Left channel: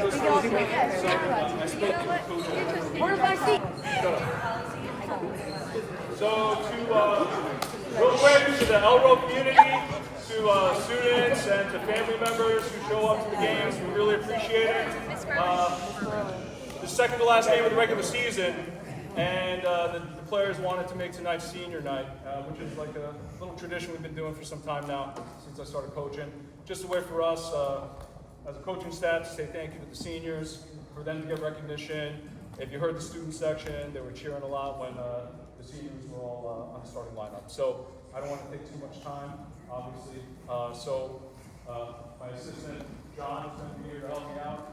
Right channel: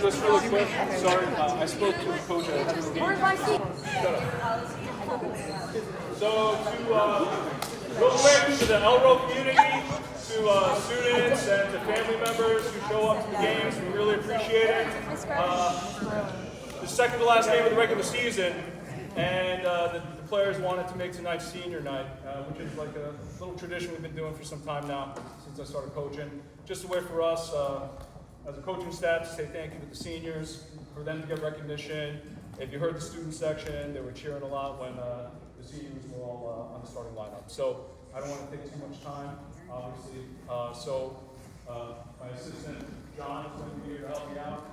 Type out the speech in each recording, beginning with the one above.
Just really quick, sorry, I spoke to a coach. Shut up. So real quick, to the Elro community, to students and to family members who show up to the games, we really appreciate it. The second to last game of the regular season, and the players wanted to make tonight senior night, which is like a little tradition we've been doing for some time now, since I started coaching. Just a way for us, as a coaching staff, to say thank you to the seniors, for them to get recognition. If you heard the student section, they were cheering a lot when the seniors were all on the starting lineup. So I don't want to take too much time, obviously. My assistant, John, is going to be here to help me out.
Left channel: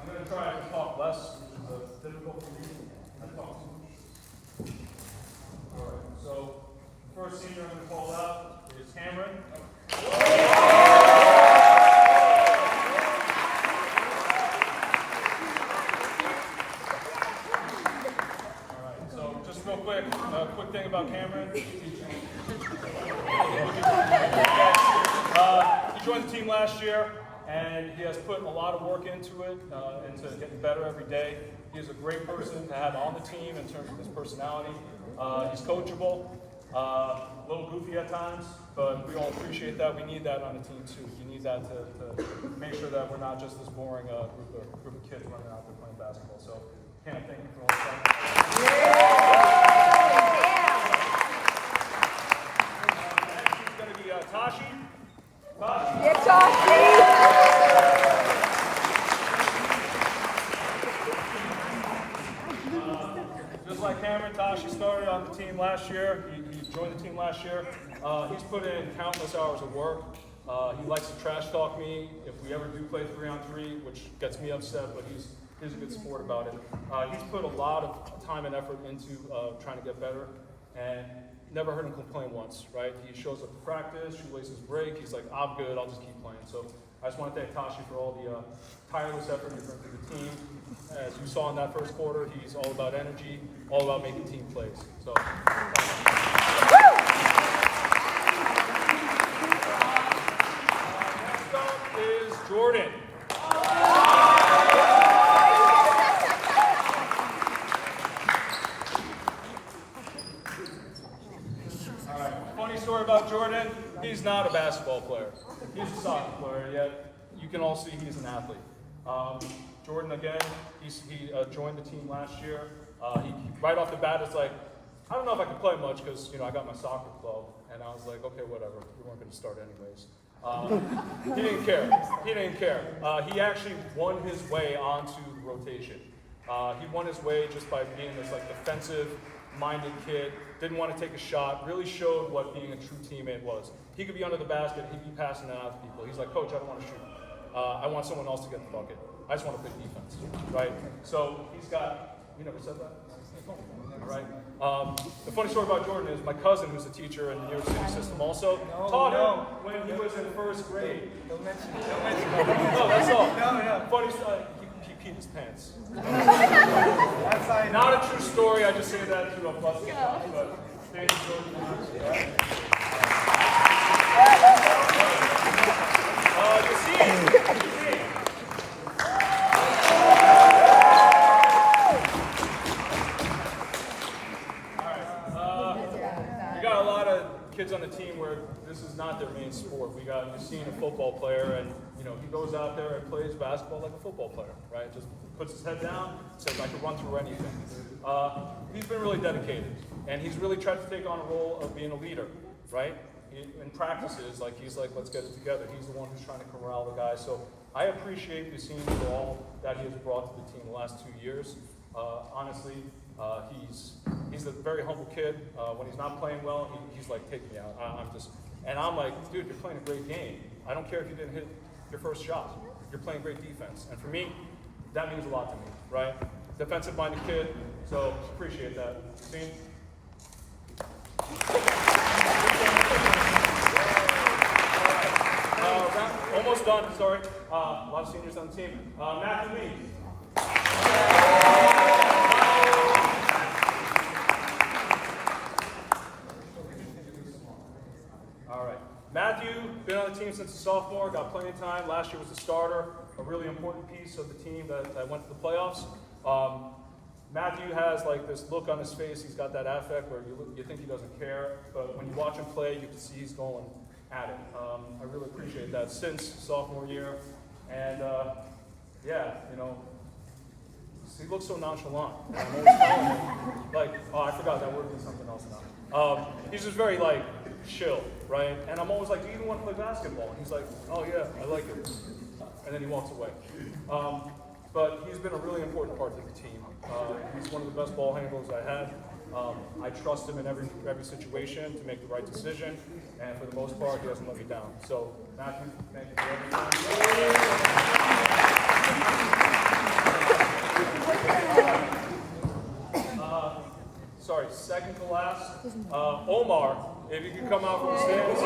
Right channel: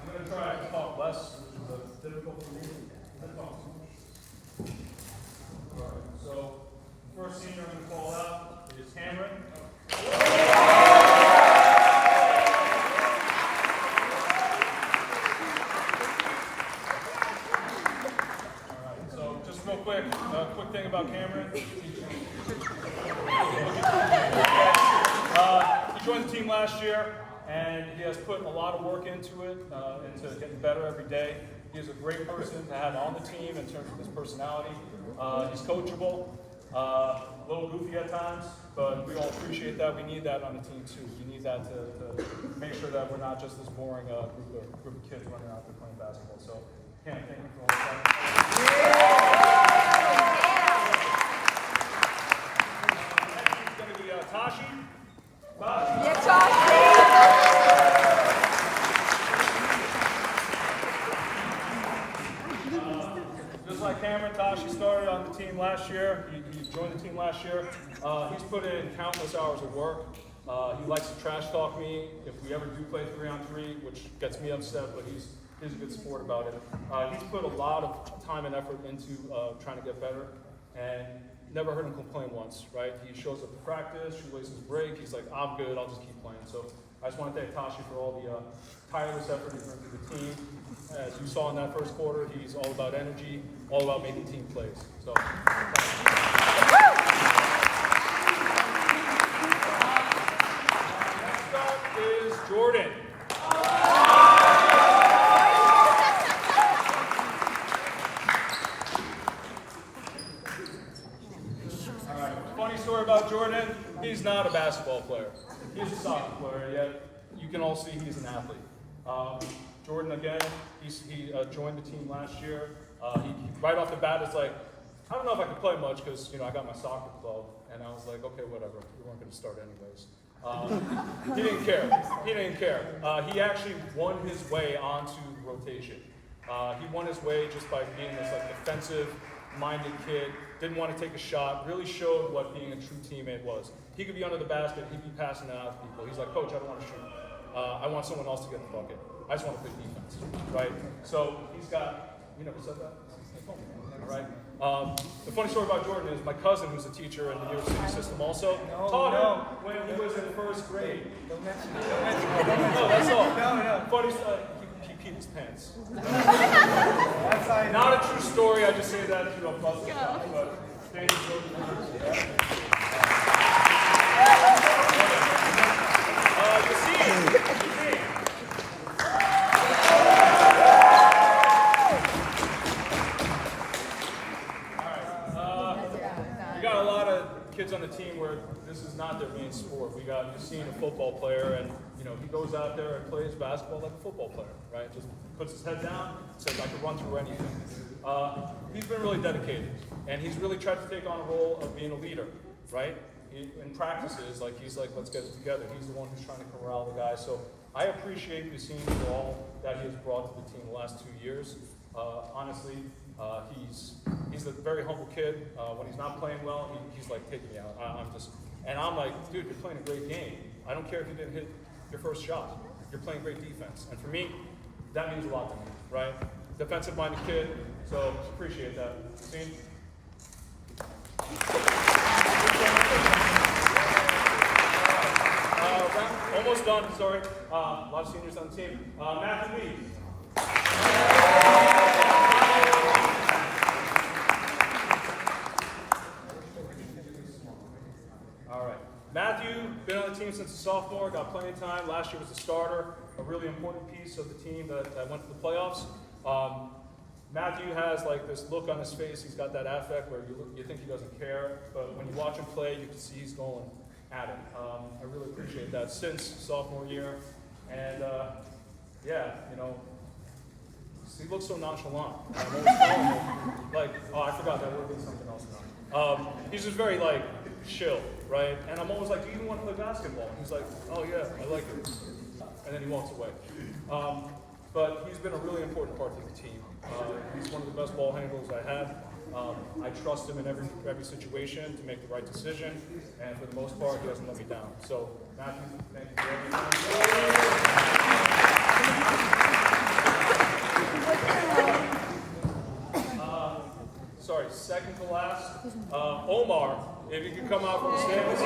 I'm going to try to talk less, which is difficult for me. I talk too much. All right, so the first senior I'm going to call out is Cameron. All right, so just real quick, quick thing about Cameron. He joined the team last year, and he has put a lot of work into it, into getting better every day. He is a great person to have on the team in terms of his personality. He's coachable, a little goofy at times, but we all appreciate that. We need that on the team too. We need that to make sure that we're not just this boring group of kids running out there playing basketball. So, Cam, thank you for all the time. Next is going to be Tashi. Just like Cameron, Tashi started on the team last year. He joined the team last year. He's put in countless hours of work. He likes to trash talk me if we ever do play 3-on-3, which gets me upset, but he's a good sport about it. He's put a lot of time and effort into trying to get better, and never heard him complain once, right? He shows up to practice, shoelaces break, he's like, I'm good, I'll just keep playing. So I just want to thank Tashi for all the tireless effort he brings to the team. As you saw in that first quarter, he's all about energy, all about making team plays. So, next up is Jordan. All right, funny story about Jordan, he's not a basketball player. He's a soccer player, yet you can all see he's an athlete. Jordan, again, he joined the team last year. He right off the bat, it's like, I don't know if I could play much because, I got my soccer club. And I was like, okay, whatever. We weren't going to start anyways. He didn't care. He didn't care. He actually won his way onto the rotation. He won his way just by being this defensive-minded kid. Didn't want to take a shot. Really showed what being a true teammate was. He could be under the basket. He'd be passing it out to people. He's like, Coach, I don't want to shoot. I want someone else to get the bucket. I just want to play defense, right? So he's got, you never said that? All right. The funny story about Jordan is my cousin, who's a teacher in the New York City system also, taught him when he was in first grade. Don't mention it. Don't mention it. Don't mention it. No, that's all. No. Funny story, he peed his pants. That's fine. Not a true story, I just say that to bust the shot. But thank you, Jordan. Yassine. We got a lot of kids on the team where this is not their main sport. We got Yassine, a football player, and he goes out there and plays basketball like a football player, right? Just puts his head down, says I could run through anything. He's been really dedicated, and he's really tried to take on a role of being a leader, right? In practices, he's like, let's get it together. He's the one who's trying to corral the guys. So I appreciate Yassine for all that he has brought to the team the last 2 years. Honestly, he's a very humble kid. When he's not playing well, he's like, take me out. I'm like, dude, you're playing a great game. I don't care if you didn't hit your first shot. You're playing great defense. And for me, that means a lot to me, right? Defensive-minded kid, so appreciate that. Yassine? Almost done, sorry. A lot of seniors on the team. Matthew Lee. Matthew, been on the team since a sophomore, got playing time. Last year was a starter, a really important piece of the team that went to the playoffs. Matthew has like this look on his face. He's got that affect where you think he doesn't care, but when you watch him play, you can see he's going at it. I really appreciate that since sophomore year. And yeah, you know, he looks so nonchalant, and I'm always telling him, like, oh, I forgot that word means something else now. He's just very, like, chill, right? And I'm always like, do you even want to play basketball? And he's like, oh, yeah, I like it. And then he walks away. But he's been a really important part of the team. He's one of the best ball handlers I had. I trust him in every situation to make the right decision, and for the most part, he doesn't let me down. So, Matthew, thank you for everything. Sorry, second to last, Omar, if you could come out from the stands.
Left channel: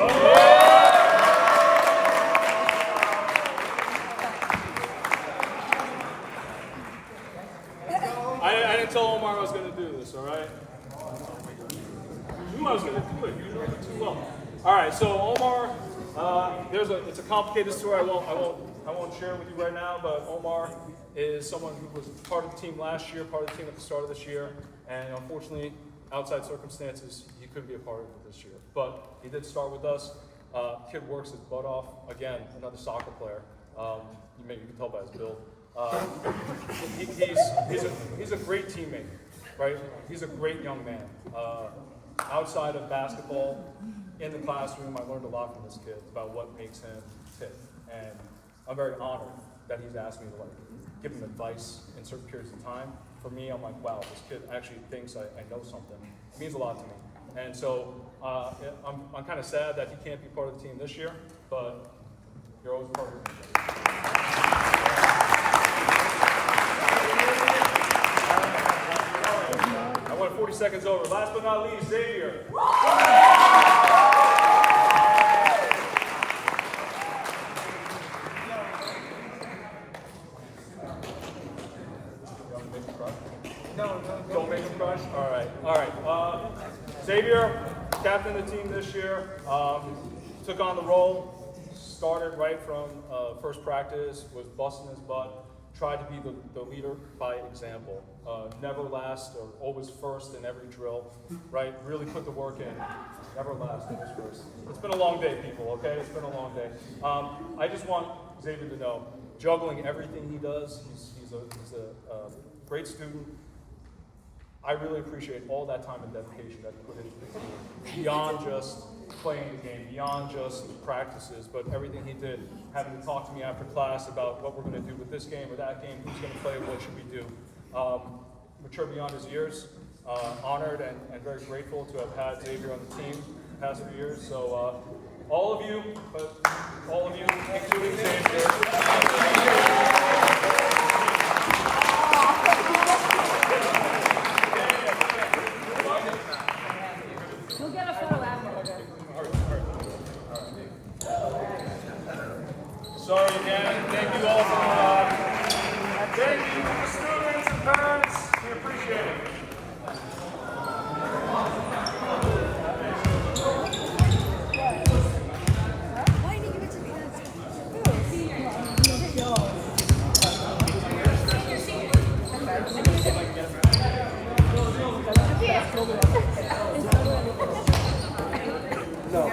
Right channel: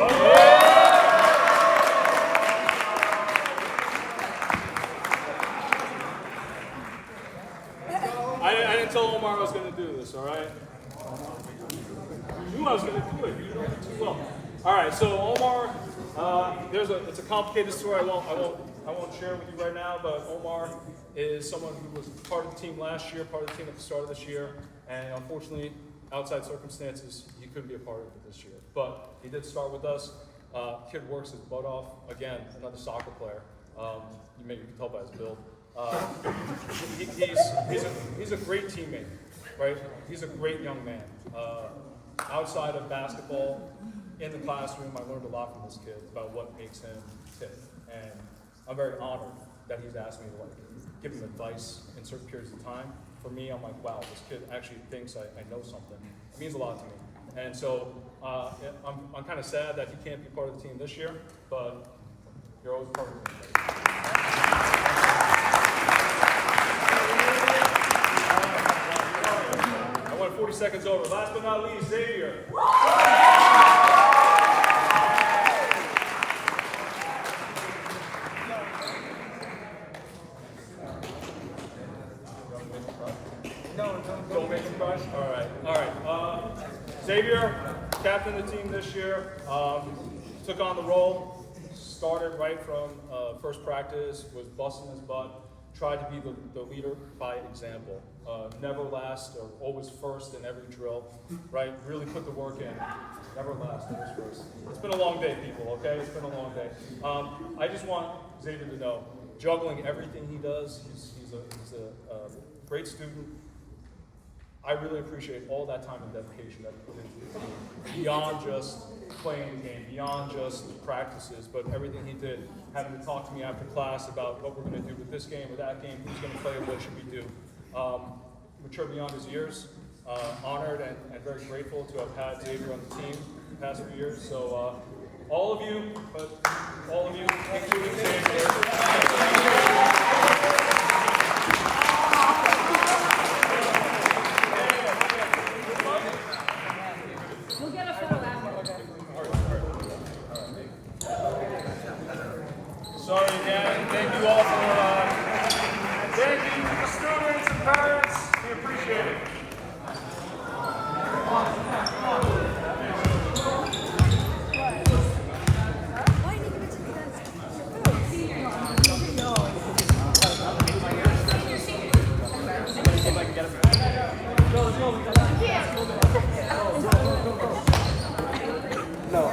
I didn't tell Omar I was going to do this, all right? You knew I was going to do it. You know me too well. All right, so Omar, it's a complicated story. I won't share it with you right now, but Omar is someone who was part of the team last year, part of the team at the start of this year, and unfortunately, outside circumstances, he couldn't be a part of it this year. But he did start with us. Kid works his butt off. Again, another soccer player. You can tell by his build. He's a great teammate, right? He's a great young man. Outside of basketball, in the classroom, I learned a lot from this kid about what makes him tick. And I'm very honored that he's asked me to give him advice in certain periods of time. For me, I'm like, wow, this kid actually thinks I know something. It means a lot to me. And so I'm kind of sad that he can't be part of the team this year, but you're always part of the team. I went 40 seconds over. Last but not least, Xavier. Don't make him crush? All right. Xavier, captain of the team this year, took on the role, started right from first practice, was busting his butt, tried to be the leader by example. Never last or always first in every drill, right? Really put the work in. Never last, always first. It's been a long day, people, okay? It's been a long day. I just want Xavier to know, juggling everything he does, he's a great student. I really appreciate all that time and dedication that he put into the team, beyond just playing the game, beyond just the practices, but everything he did, having to talk to me after class about what we're going to do with this game or that game, who's going to play, what should we do. Mature beyond his years, honored and very grateful to have had Xavier on the team the past few years. So all of you, including Xavier, We'll get a photo after. sorry again. Thank you all for, thank you to the students and parents. We appreciate it. No.